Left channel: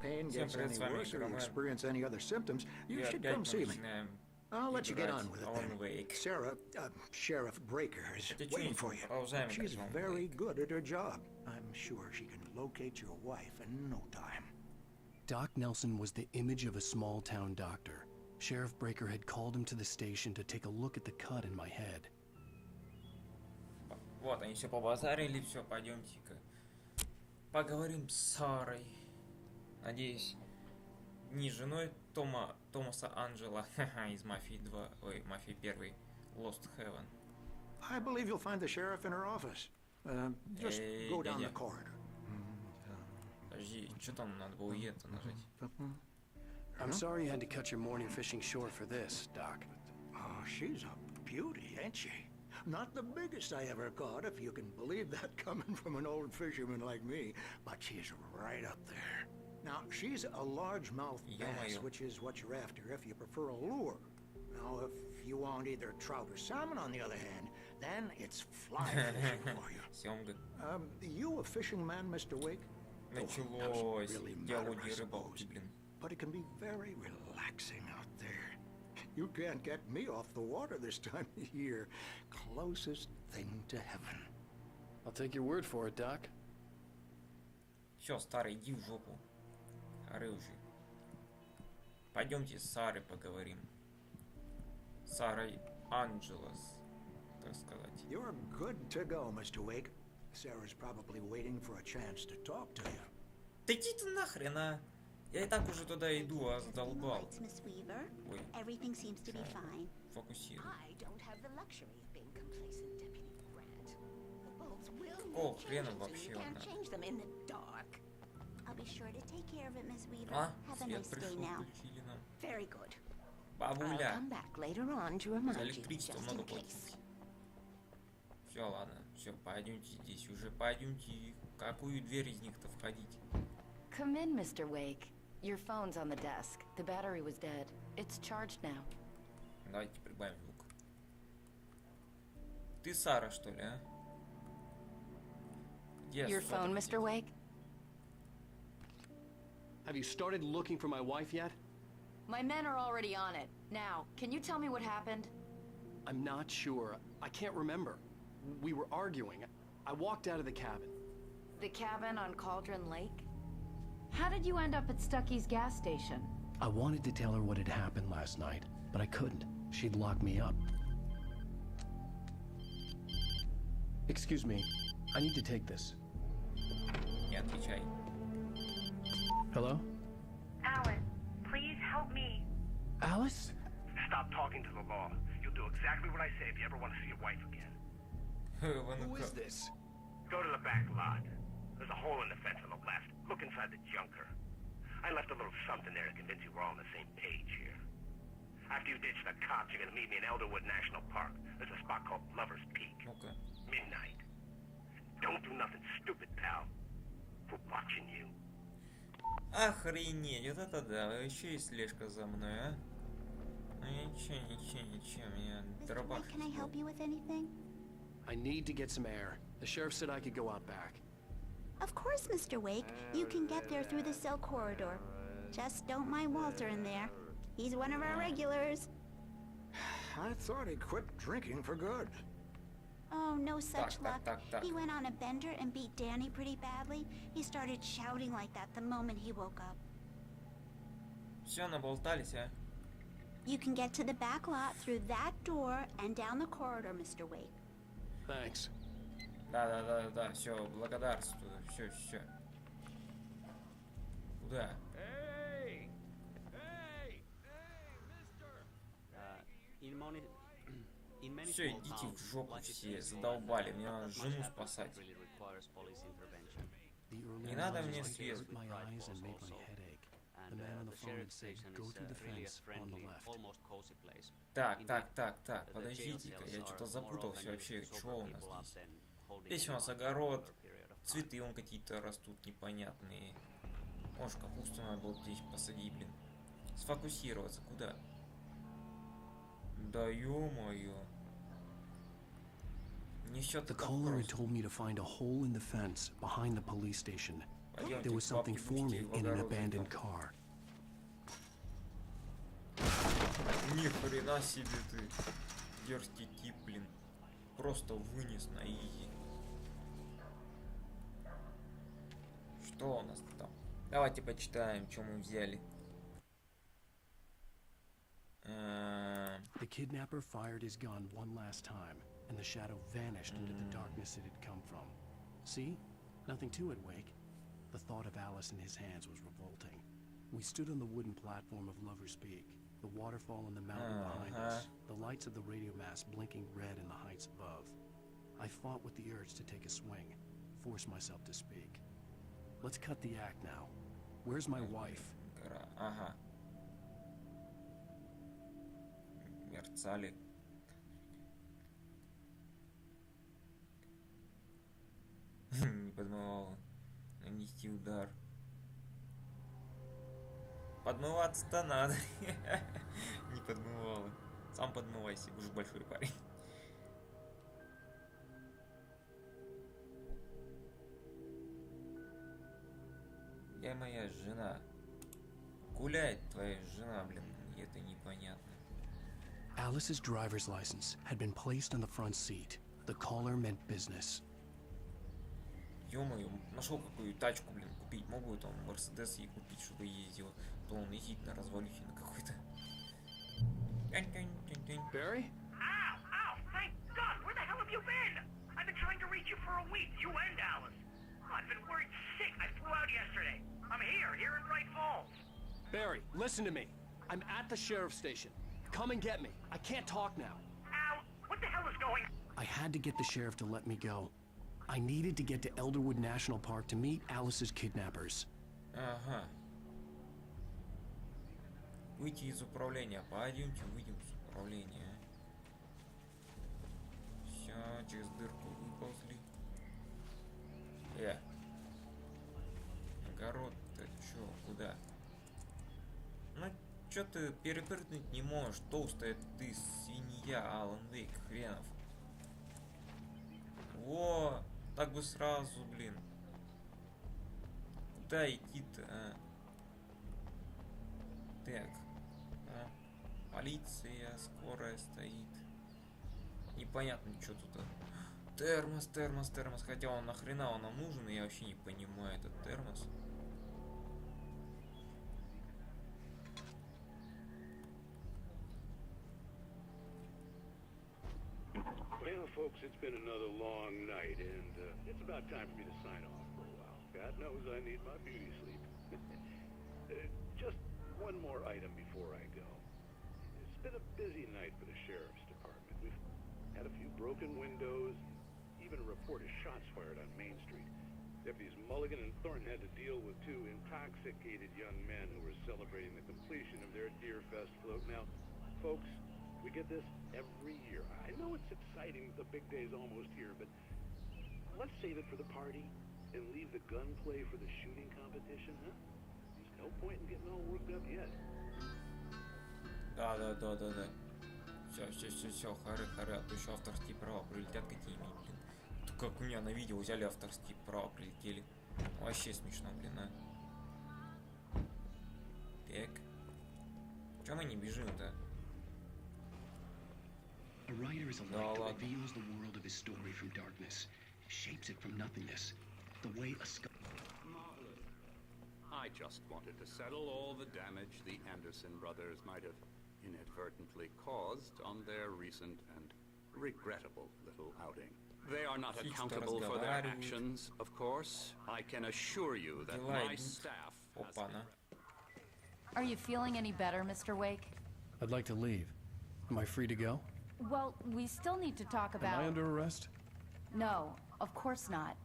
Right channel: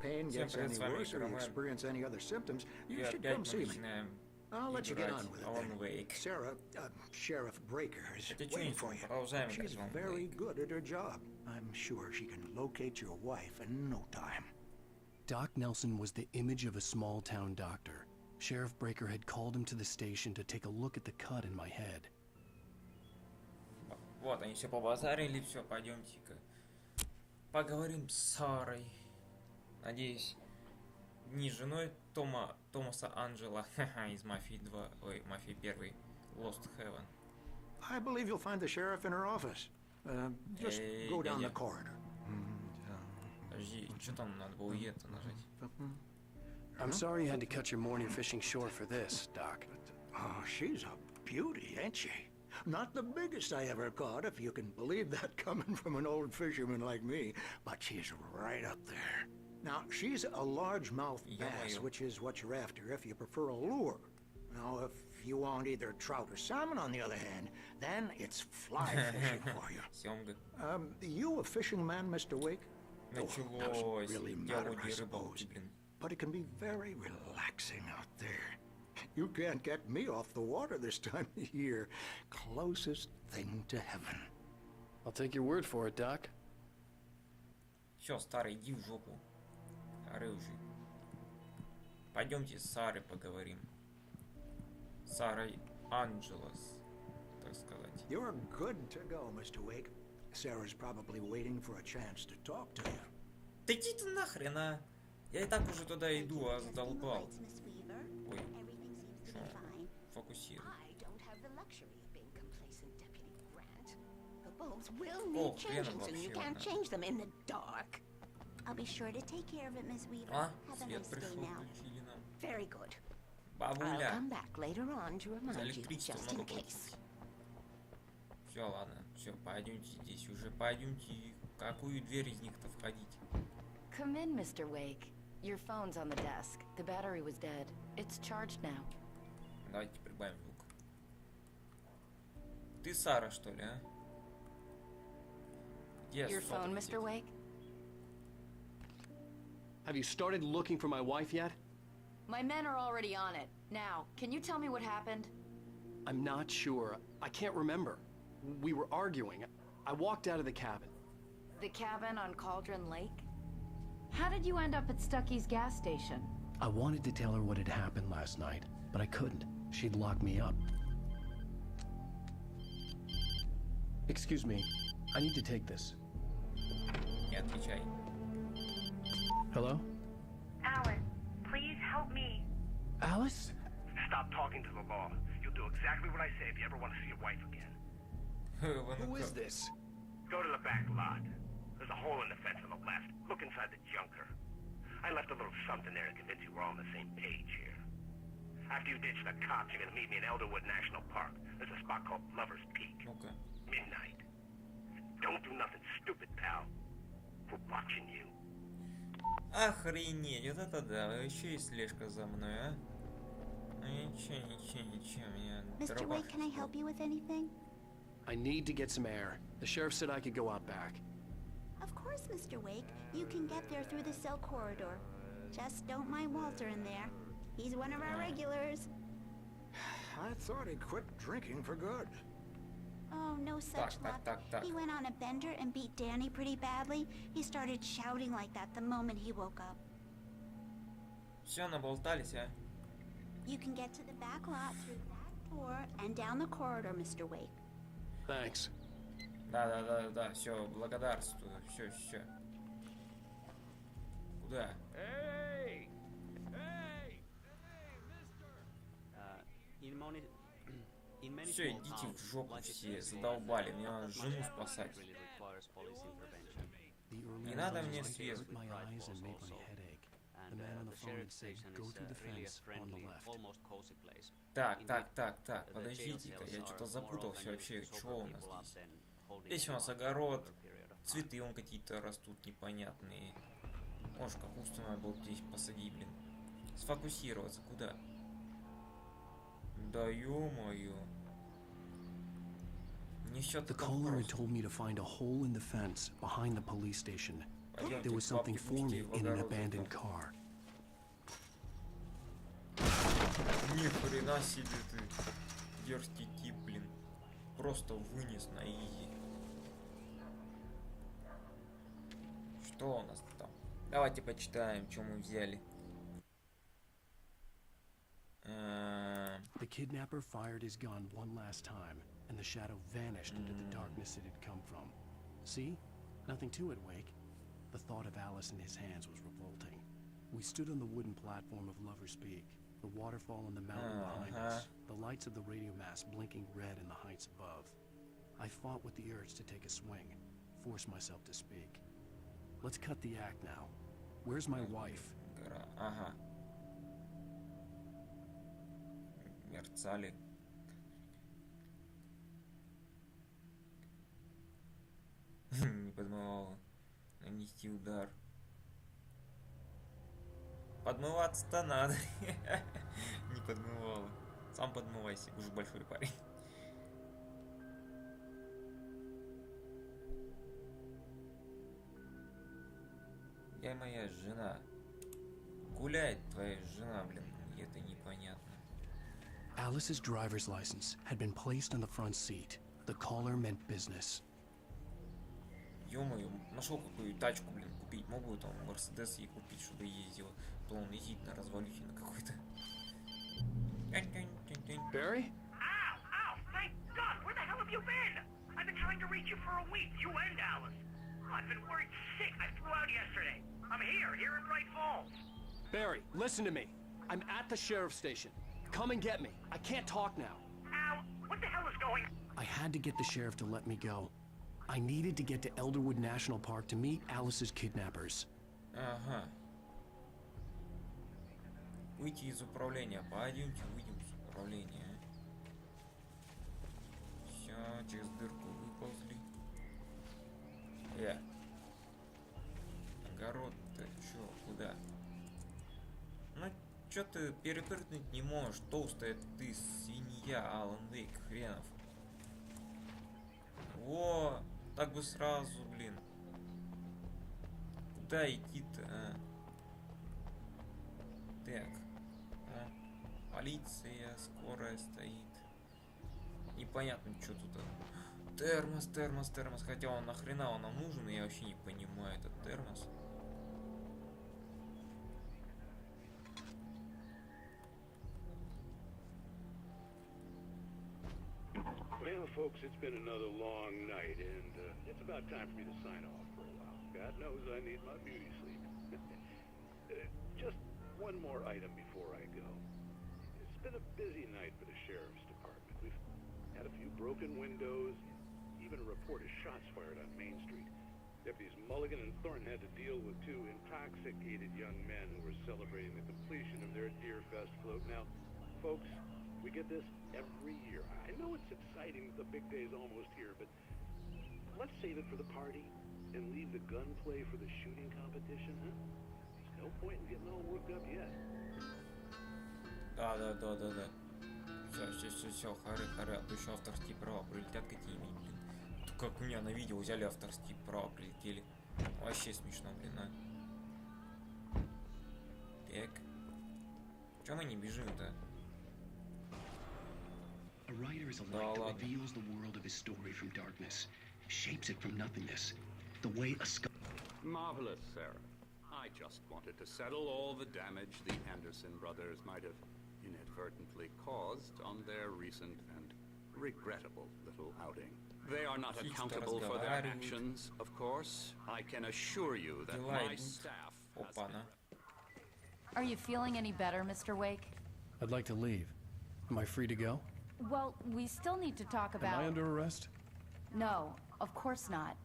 pain gets any worse or you experience any other symptoms, you should come see me. I'll let you get on with it then. Sarah, Sheriff Breaker, is waiting for you. She's very good at her job. I'm sure she can locate your wife in no time. Doc Nelson was the image of a small-town doctor. Sheriff Breaker had called him to the station to take a look at the cut in my head. I believe you'll find the sheriff in her office. Just go down the corridor. I'm sorry you had to cut your morning fishing short for this, Doc. Oh, she's a beauty, ain't she? Not the biggest I ever caught, if you can believe that coming from an old fisherman like me, but she's right up there. Now, she's a largemouth bass, which is what you're after if you prefer a lure. Now, if you want either trout or salmon, on the other hand, then it's fly fishing for you. You a fishing man, Mr. Wake? Oh, doesn't really matter, I suppose. But it can be very relaxing out there. You can't get me off the water this time of year. Closest thing to heaven. I'll take your word for it, Doc. You're good to go, Mr. Wake. Sarah's probably waiting for a chance to talk to you. Thank you for testing the lights, Miss Weaver. Everything seems to be fine. I don't have the luxury of being complacent, Deputy Grant. The bulbs will need changing soon. You can't change them in the dark. I'll be sure to take care of it, Miss Weaver. Have a nice day now. Very good. I'll come back later on to remind you, just in case. Come in, Mr. Wake. Your phone's on the desk. The battery was dead. It's charged now. Your phone, Mr. Wake? Have you started looking for my wife yet? My men are already on it. Now, can you tell me what happened? I'm not sure. I can't remember. We were arguing. I walked out of the cabin. The cabin on Cauldron Lake? How did you end up at Stucky's gas station? I wanted to tell her what had happened last night, but I couldn't. She'd lock me up. Excuse me. I need to take this. Hello? Alice, please help me. Alice? Stop talking to the law. You'll do exactly what I say if you ever want to see your wife again. Who is this? Go to the back lot. There's a hole in the fence on the left. Look inside the junker. I left a little something there to convince you we're all on the same page here. After you ditch the cops, you're gonna meet me in Elderwood National Park. There's a spot called Lover's Peak. Midnight. Don't do nothing stupid, pal. We're watching you. Mr. Wake, can I help you with anything? I need to get some air. The sheriff said I could go out back. Of course, Mr. Wake. You can get there through the cell corridor. Just don't mind Walter in there. He's one of our regulars. I thought he quit drinking for good. Oh, no such luck. He went on a bender and beat Danny pretty badly. He started shouting like that the moment he woke up. You can get to the back lot through that door and down the corridor, Mr. Wake. Thanks. In many small towns, life is peaceful and not that much happens that really requires police intervention. The early Such morning is the light case hurt with my Bright eyes and Falls made my also. head ache. And The man on the phone sheriff had said, station go is through the really a fence on friendly, the left. almost cozy place. Indeed, the jail cells are more often used to sober people up than holding anyone for a longer period of time. The caller had told me to find a hole in the fence behind the police station. there was something for me in an abandoned car. The kidnapper fired his gun one last time, and the shadow vanished into the darkness it had come from. See? Nothing to it, Wake. The thought of Alice in his hands was revolting. We stood on the wooden platform of Lover's Peak, the waterfall on the mountain behind us, the lights of the radio mast blinking red in the heights above. I fought with the urge to take a swing, force myself to speak. Let's cut the act now. Where's my wife? Alice's driver's license had been placed on the front seat. The caller meant business. Barry? Ow! Ow! Thank God! Where the hell have you been? I've been trying to reach you for a week, you and Alice. Oh, I've been worried sick. I flew out yesterday. I'm here in Bright Falls. Barry, listen to me. I'm at the sheriff's station. Come and get me. I can't talk now. Ow! What the hell is going on? I had to get the sheriff to let me go. I needed to get to Elderwood National Park to meet Alice's kidnappers. Well, folks, it's been another long night, and it's about time for me to sign off for a while. God knows I need my beauty sleep. Just one more item before I go. It's been a busy night for the Sheriff's Department. We've had a few broken windows, even a report of shots fired on Main Street. Deputies Mulligan and Thornton had to deal with two intoxicated young men who were celebrating the completion of their Deer Fest float. Now, folks, we get this every year. I know it's exciting, the big day's almost here, but let's save it for the party and leave the gunplay for the shooting competition, huh? There's no point in getting all worked up yet. A writer is a light that reveals the world of his story from darkness, shapes it from nothingness, the way a Marvelous, Sarah. I just wanted to settle all the damage the Anderson brothers might have inadvertently caused on their recent and regrettable little outing. They are not accountable for their actions, of course. I can assure you that my staff has been... Are you feeling any better, Mr. Wake? I'd like to leave. Am I free to go? Well, we still need to talk about... Am I under arrest? No, of course not.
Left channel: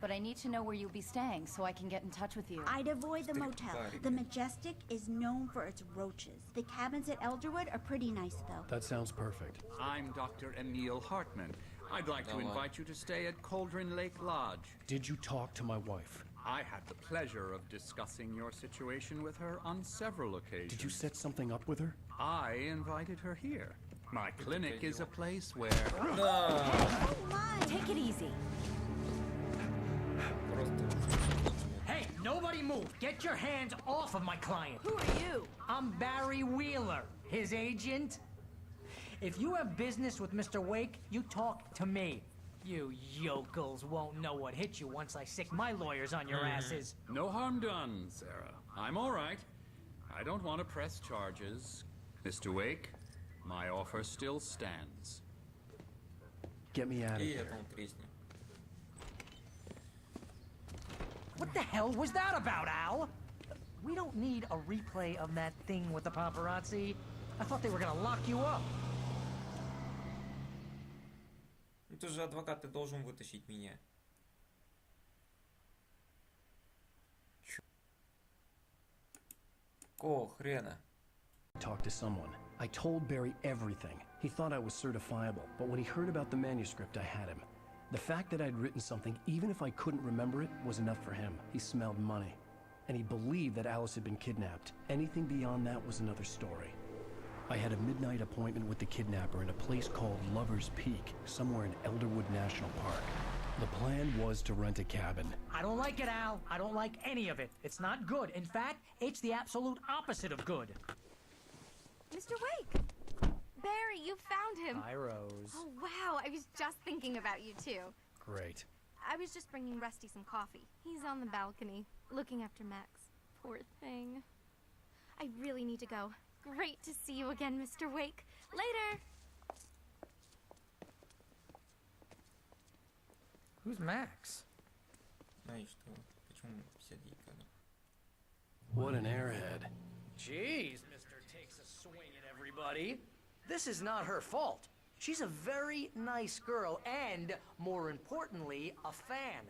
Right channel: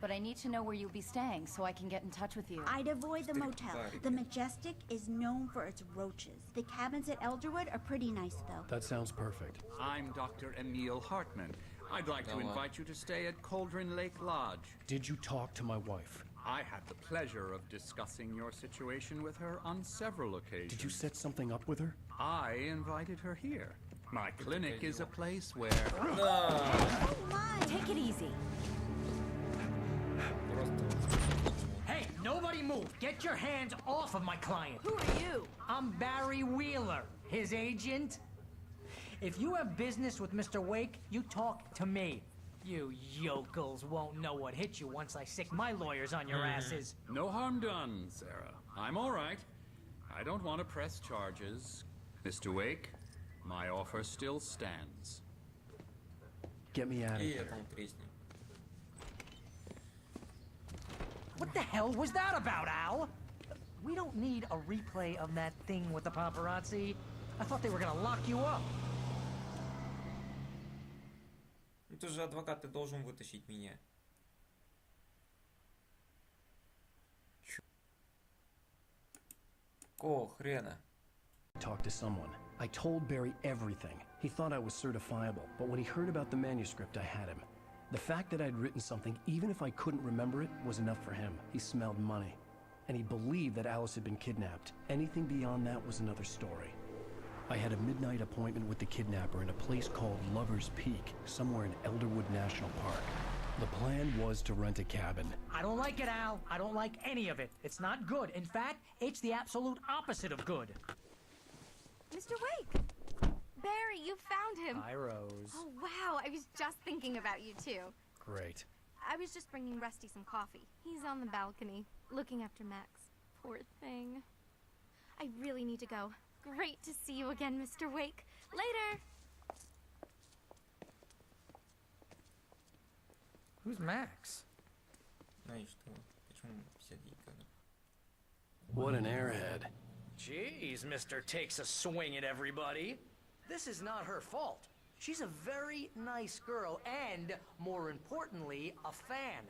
But I need to know where you'll be staying so I can get in touch with you. I'd avoid the motel. The Majestic is known for its roaches. The cabins at Elderwood are pretty nice, though. That sounds perfect. I'm Dr. Emil Hartman. I'd like to invite you to stay at Cauldron Lake Lodge. Did you talk to my wife? I had the pleasure of discussing your situation with her on several occasions. Did you set something up with her? I invited her here. My clinic is a place where... Oh, hey! Oh, my! Take it easy. Hey, Nobody move! Get your hands off of my client! Who are you? I'm Barry Wheeler, his agent. If you have business with Mr. Wake, you talk to me. You yokels won't know what hit you once I sick my lawyers on your asses. No harm done, Sarah. I'm all right. I don't want to press charges. Mr. Wake, my offer still stands. Get me out of here. What the hell was that about, Al? We don't need a replay of that thing with the paparazzi. I thought they were gonna lock you up. Talk to someone. I told Barry everything. He thought I was certifiable, but when he heard about the manuscript, I had him. The fact that I'd written something, even if I couldn't remember it, was enough for him. He smelled money. And he believed that Alice had been kidnapped. Anything beyond that was another story. I had a midnight appointment with the kidnapper in a place called Lover's Peak, somewhere in Elderwood National Park. The plan was to rent a cabin. I don't like it, Al. I don't like any of it. It's not good. In fact, it's the absolute opposite of good. Mr. Wake! Barry, you found him! Hi, Rose. Oh, wow. I was just thinking about you, too. Great. I was just bringing Rusty some coffee. He's on the balcony, looking after Max. Poor thing. I really need to go. Great to see you again, Mr. Wake. Later! Who's Max? What an airhead. Jeez, Mr. Takes a swing at everybody. This is not her fault. She's a very nice girl and, more importantly, a fan.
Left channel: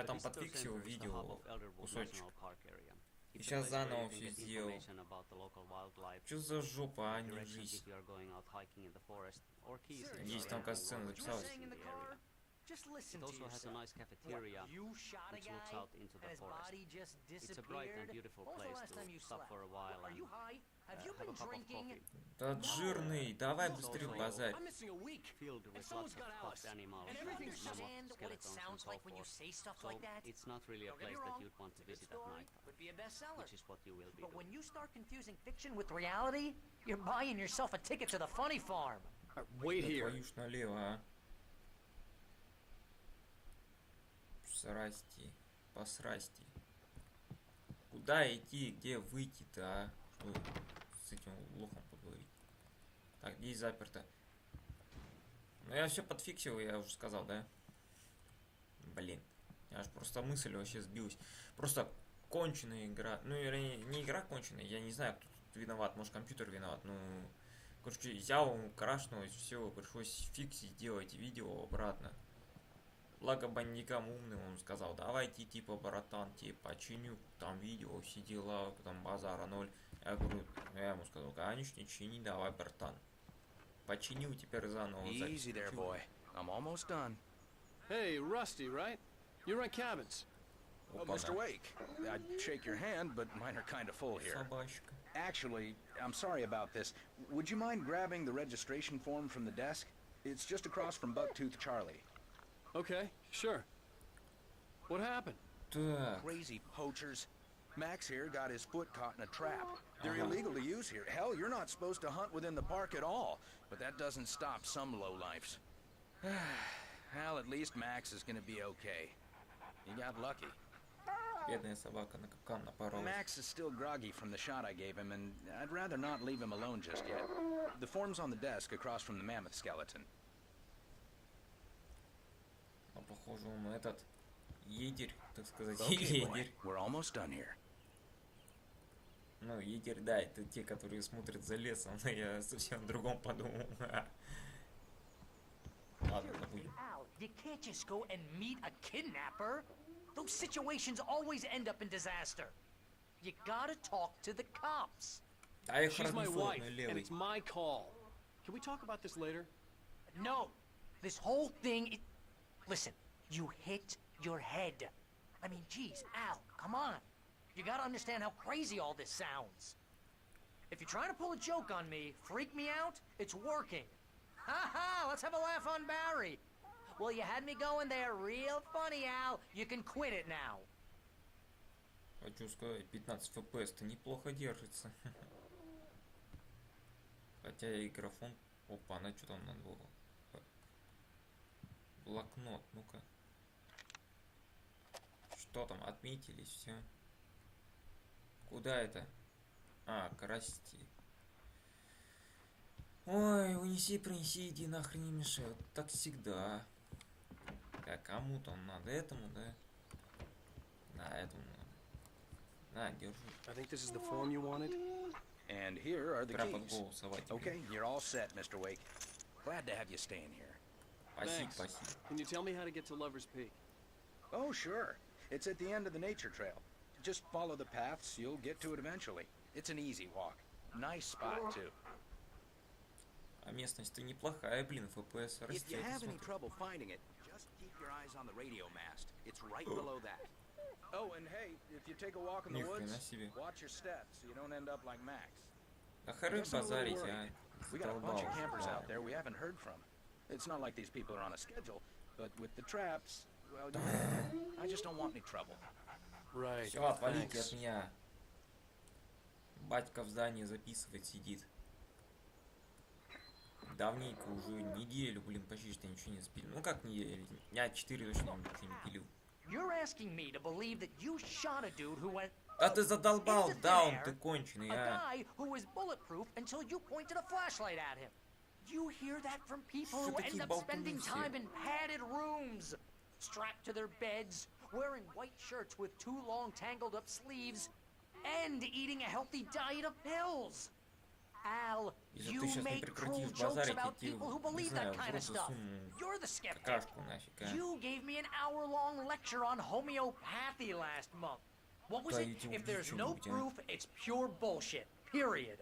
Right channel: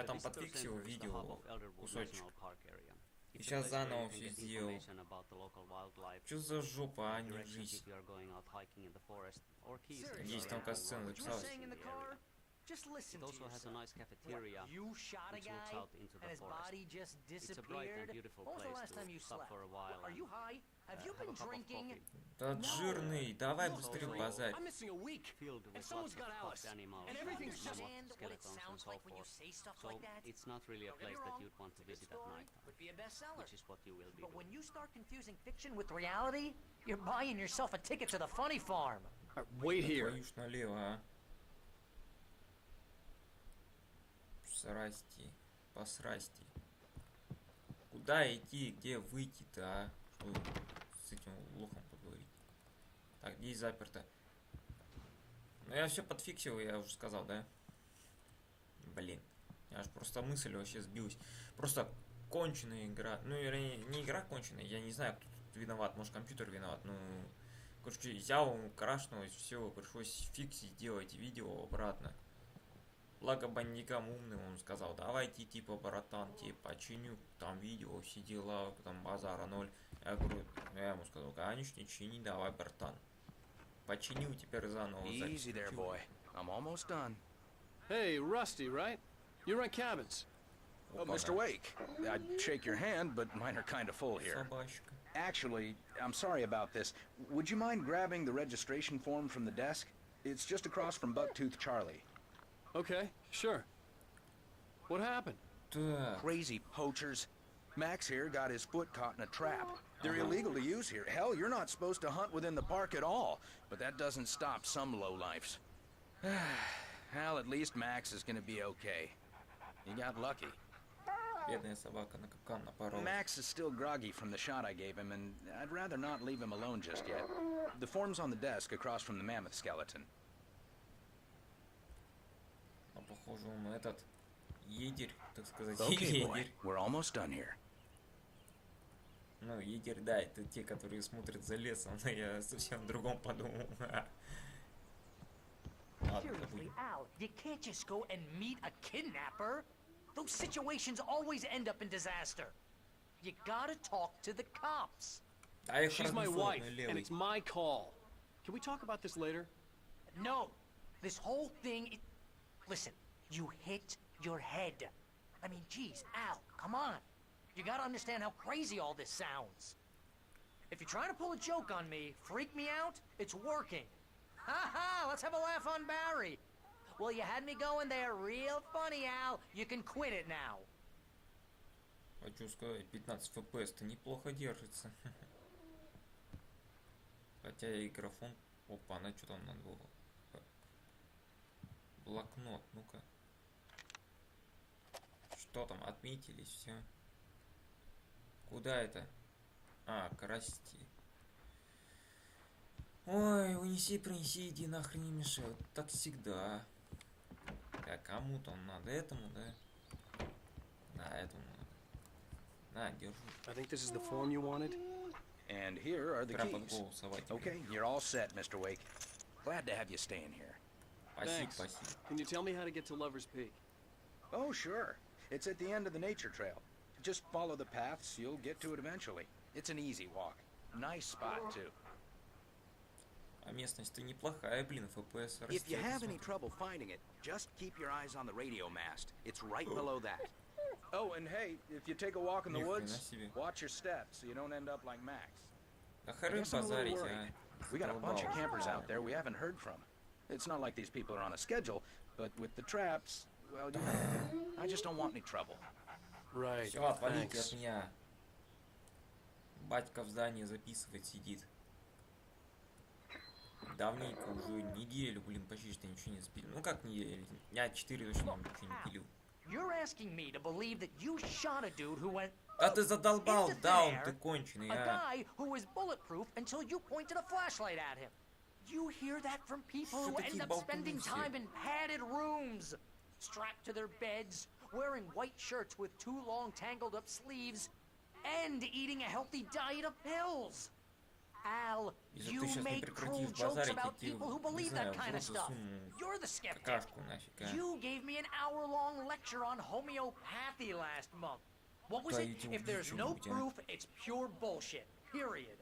The visitor center is the hub of Elderwood National Park area. It's a place where you can get information about the local wildlife, directions if you are going out hiking in the forest, or keys if you are renting one of the cabins in the area. Just listen it also has a nice cafeteria you shot a which guy looks out into the and his forest. body just disappeared? It's a bright and beautiful when was place the last time you to stop slept? for a while. Are you high? Have you been have a cup of drinking? coffee. No! It's Look, Barry, also I'm missing a week. filled with And someone's lots of got Alice. stuffed animals And Do you everything's just... understand what it skeletons and sounds so like when you forth. say stuff So like that? it's not really a Don't get me place that wrong, you'd want to it's a good visit at story, night could be a bestseller. which is what you will be But doing. when you start confusing fiction with reality, you're buying yourself a ticket to the funny farm. Wait here. Easy there, boy. I'm almost done. Hey, Rusty, right? You rent cabins. Oh, Mr. Wake. I'd shake your hand, but mine are kind of full here. Actually, I'm sorry about this. Would you mind grabbing the registration form from the desk? It's just across from Bucktooth Charlie. Okay, sure. What happened? Crazy poachers. Max here got his foot caught in a trap. They're illegal to use here. Hell, you're not supposed to hunt within the park at all. But that doesn't stop some lowlifes. Hell, at least Max is gonna be okay. He got lucky. Max is still groggy from the shot I gave him, and I'd rather not leave him alone just yet. The form's on the desk across from the mammoth skeleton. Okay, boy. We're almost done here. Seriously, Al, you can't just go and meet a kidnapper. Those situations always end up in disaster. You gotta talk to the cops. She's my wife, and it's my call. Can we talk about this later? No, this whole thing, listen, you hit your head. I mean, geez, Al, come on. You gotta understand how crazy all this sounds. If you're trying to pull a joke on me, freak me out, it's working. Ha ha, let's have a laugh on Barry. Well, you had me going there real funny, Al. You can quit it now. I think this is the form you wanted. And here are the keys. Okay, you're all set, Mr. Wake. Glad to have you staying here. Thanks. Can you tell me how to get to Lover's Peak? Oh, sure. It's at the end of the nature trail. Just follow the paths, you'll get to it eventually. It's an easy walk. Nice spot, too. If you have any trouble finding it, just keep your eyes on the radio mast. It's right below that. Oh, and hey, if you take a walk in the woods, watch your steps so you don't end up like Max. I guess I'm a little worried. We got a bunch of campers out there we haven't heard from. It's not like these people are on a schedule, but with the traps, well, you know, I just don't want any trouble. Right, thanks. Look, Al, you're asking me to believe that you shot a dude who went poof into thin air, a guy who was bulletproof until you pointed a flashlight at him. You hear that from people who end up spending time in padded rooms, strapped to their beds, wearing white shirts with too long tangled up sleeves, and eating a healthy diet of pills. Al, you make cruel jokes about people who believe that kind of stuff. You're the skeptic. You gave me an hour-long lecture on homeopathy last month. What was it? If there's no proof, it's pure bullshit. Period.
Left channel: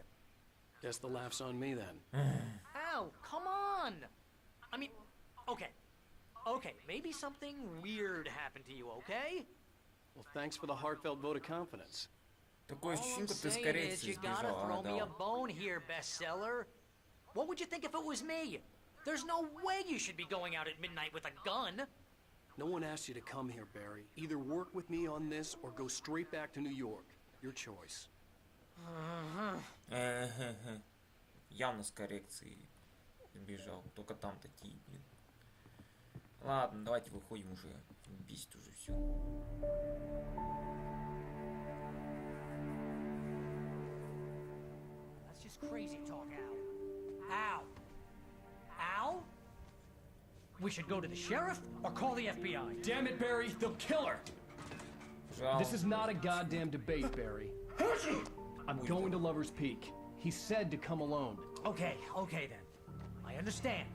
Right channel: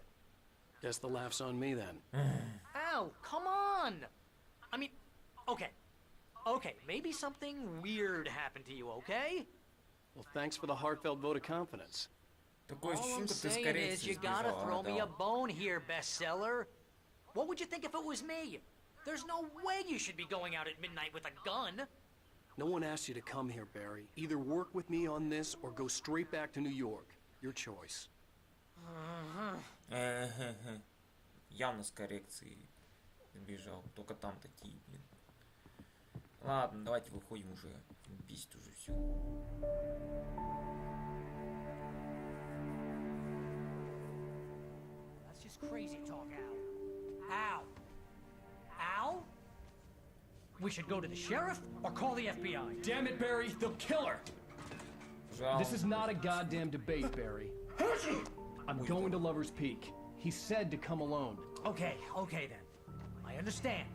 Guess the laugh's on me then. Al, come on! I mean, okay. Okay, maybe something weird happened to you, okay? Well, thanks for the heartfelt vote of confidence. All I'm saying is you gotta throw me a bone here, bestseller. What would you think if it was me? There's no way you should be going out at midnight with a gun. No one asked you to come here, Barry. Either work with me on this or go straight back to New York. Your choice. That's just crazy talk, Al. Al? Al? We should go to the sheriff or call the FBI. Damn it, Barry, they'll kill her! This is not a goddamn debate, Barry. I'm going to Lover's Peak. He said to come alone. Okay then. I understand.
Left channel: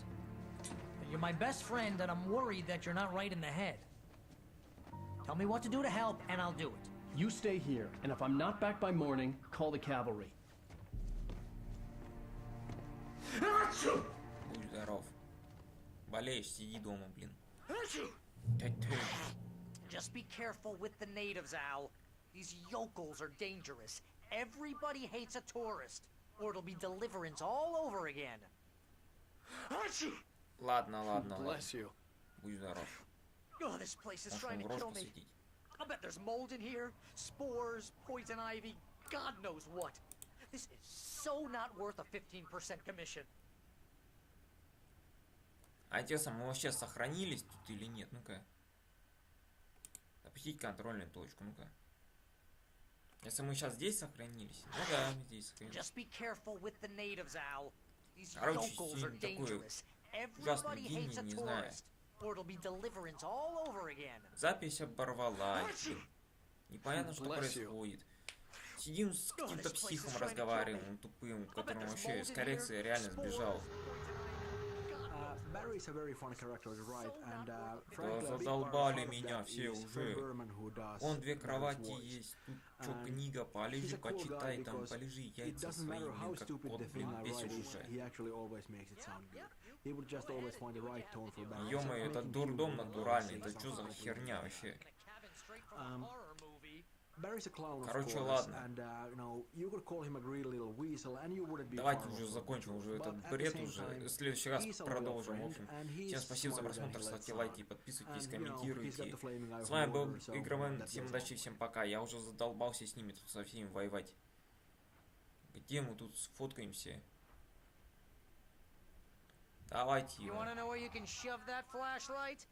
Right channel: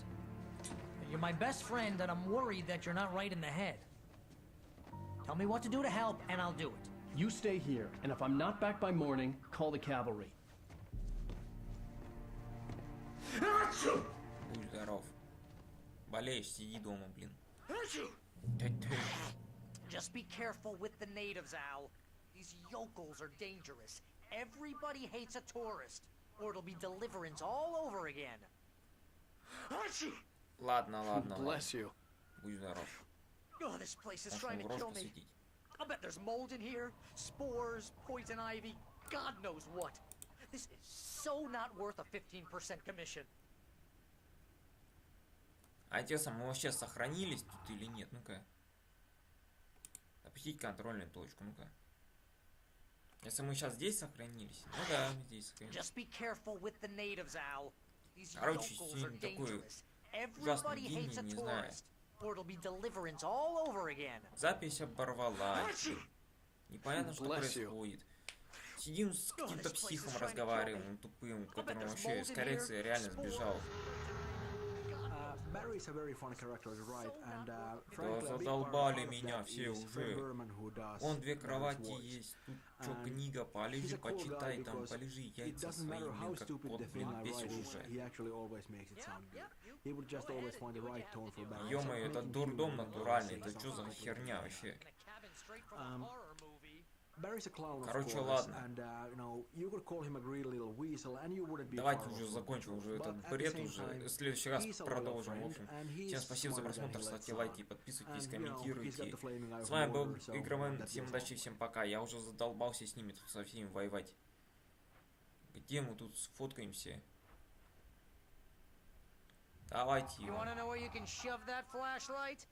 But you're my best friend and I'm worried that you're not right in the head. Tell me what to do to help and I'll do it. You stay here, and if I'm not back by morning, call the cavalry. Just be careful with the natives, Al. These yokels are dangerous. Everybody hates a tourist, or it'll be deliverance all over again. Bless you. Oh, this place is trying to kill me. I'll bet there's mold in here, spores, poison ivy, God knows what. This is so not worth a 15% commission. Just be careful with the natives, Al. These yokels are dangerous. Everybody hates a tourist, or it'll be deliverance all over again. Bless you. Oh, this place is trying to kill me. I'll bet there's mold in here, spores, poison ivy, God knows what. Barry is a very funny character to write, and frankly, a big part of that is Fred Berman, who does Barry's voice. And he's a cool guy because it doesn't matter how stupid the thing I write is, he actually always makes it sound good. He would just always find the right tone for Barry and sort of make him human even though he's saying something completely idiotic. In a cabin straight from a horror movie. Barry's a clown, of course, and you know, you could call him a greedy little weasel and you wouldn't be far off from the truth. But at the same time, he's a loyal friend and he's smarter than he lets on. And, you know, he's got the flaming eye of Mordor, so, you know, that goes a long way. You want to know where you can shove that flashlight?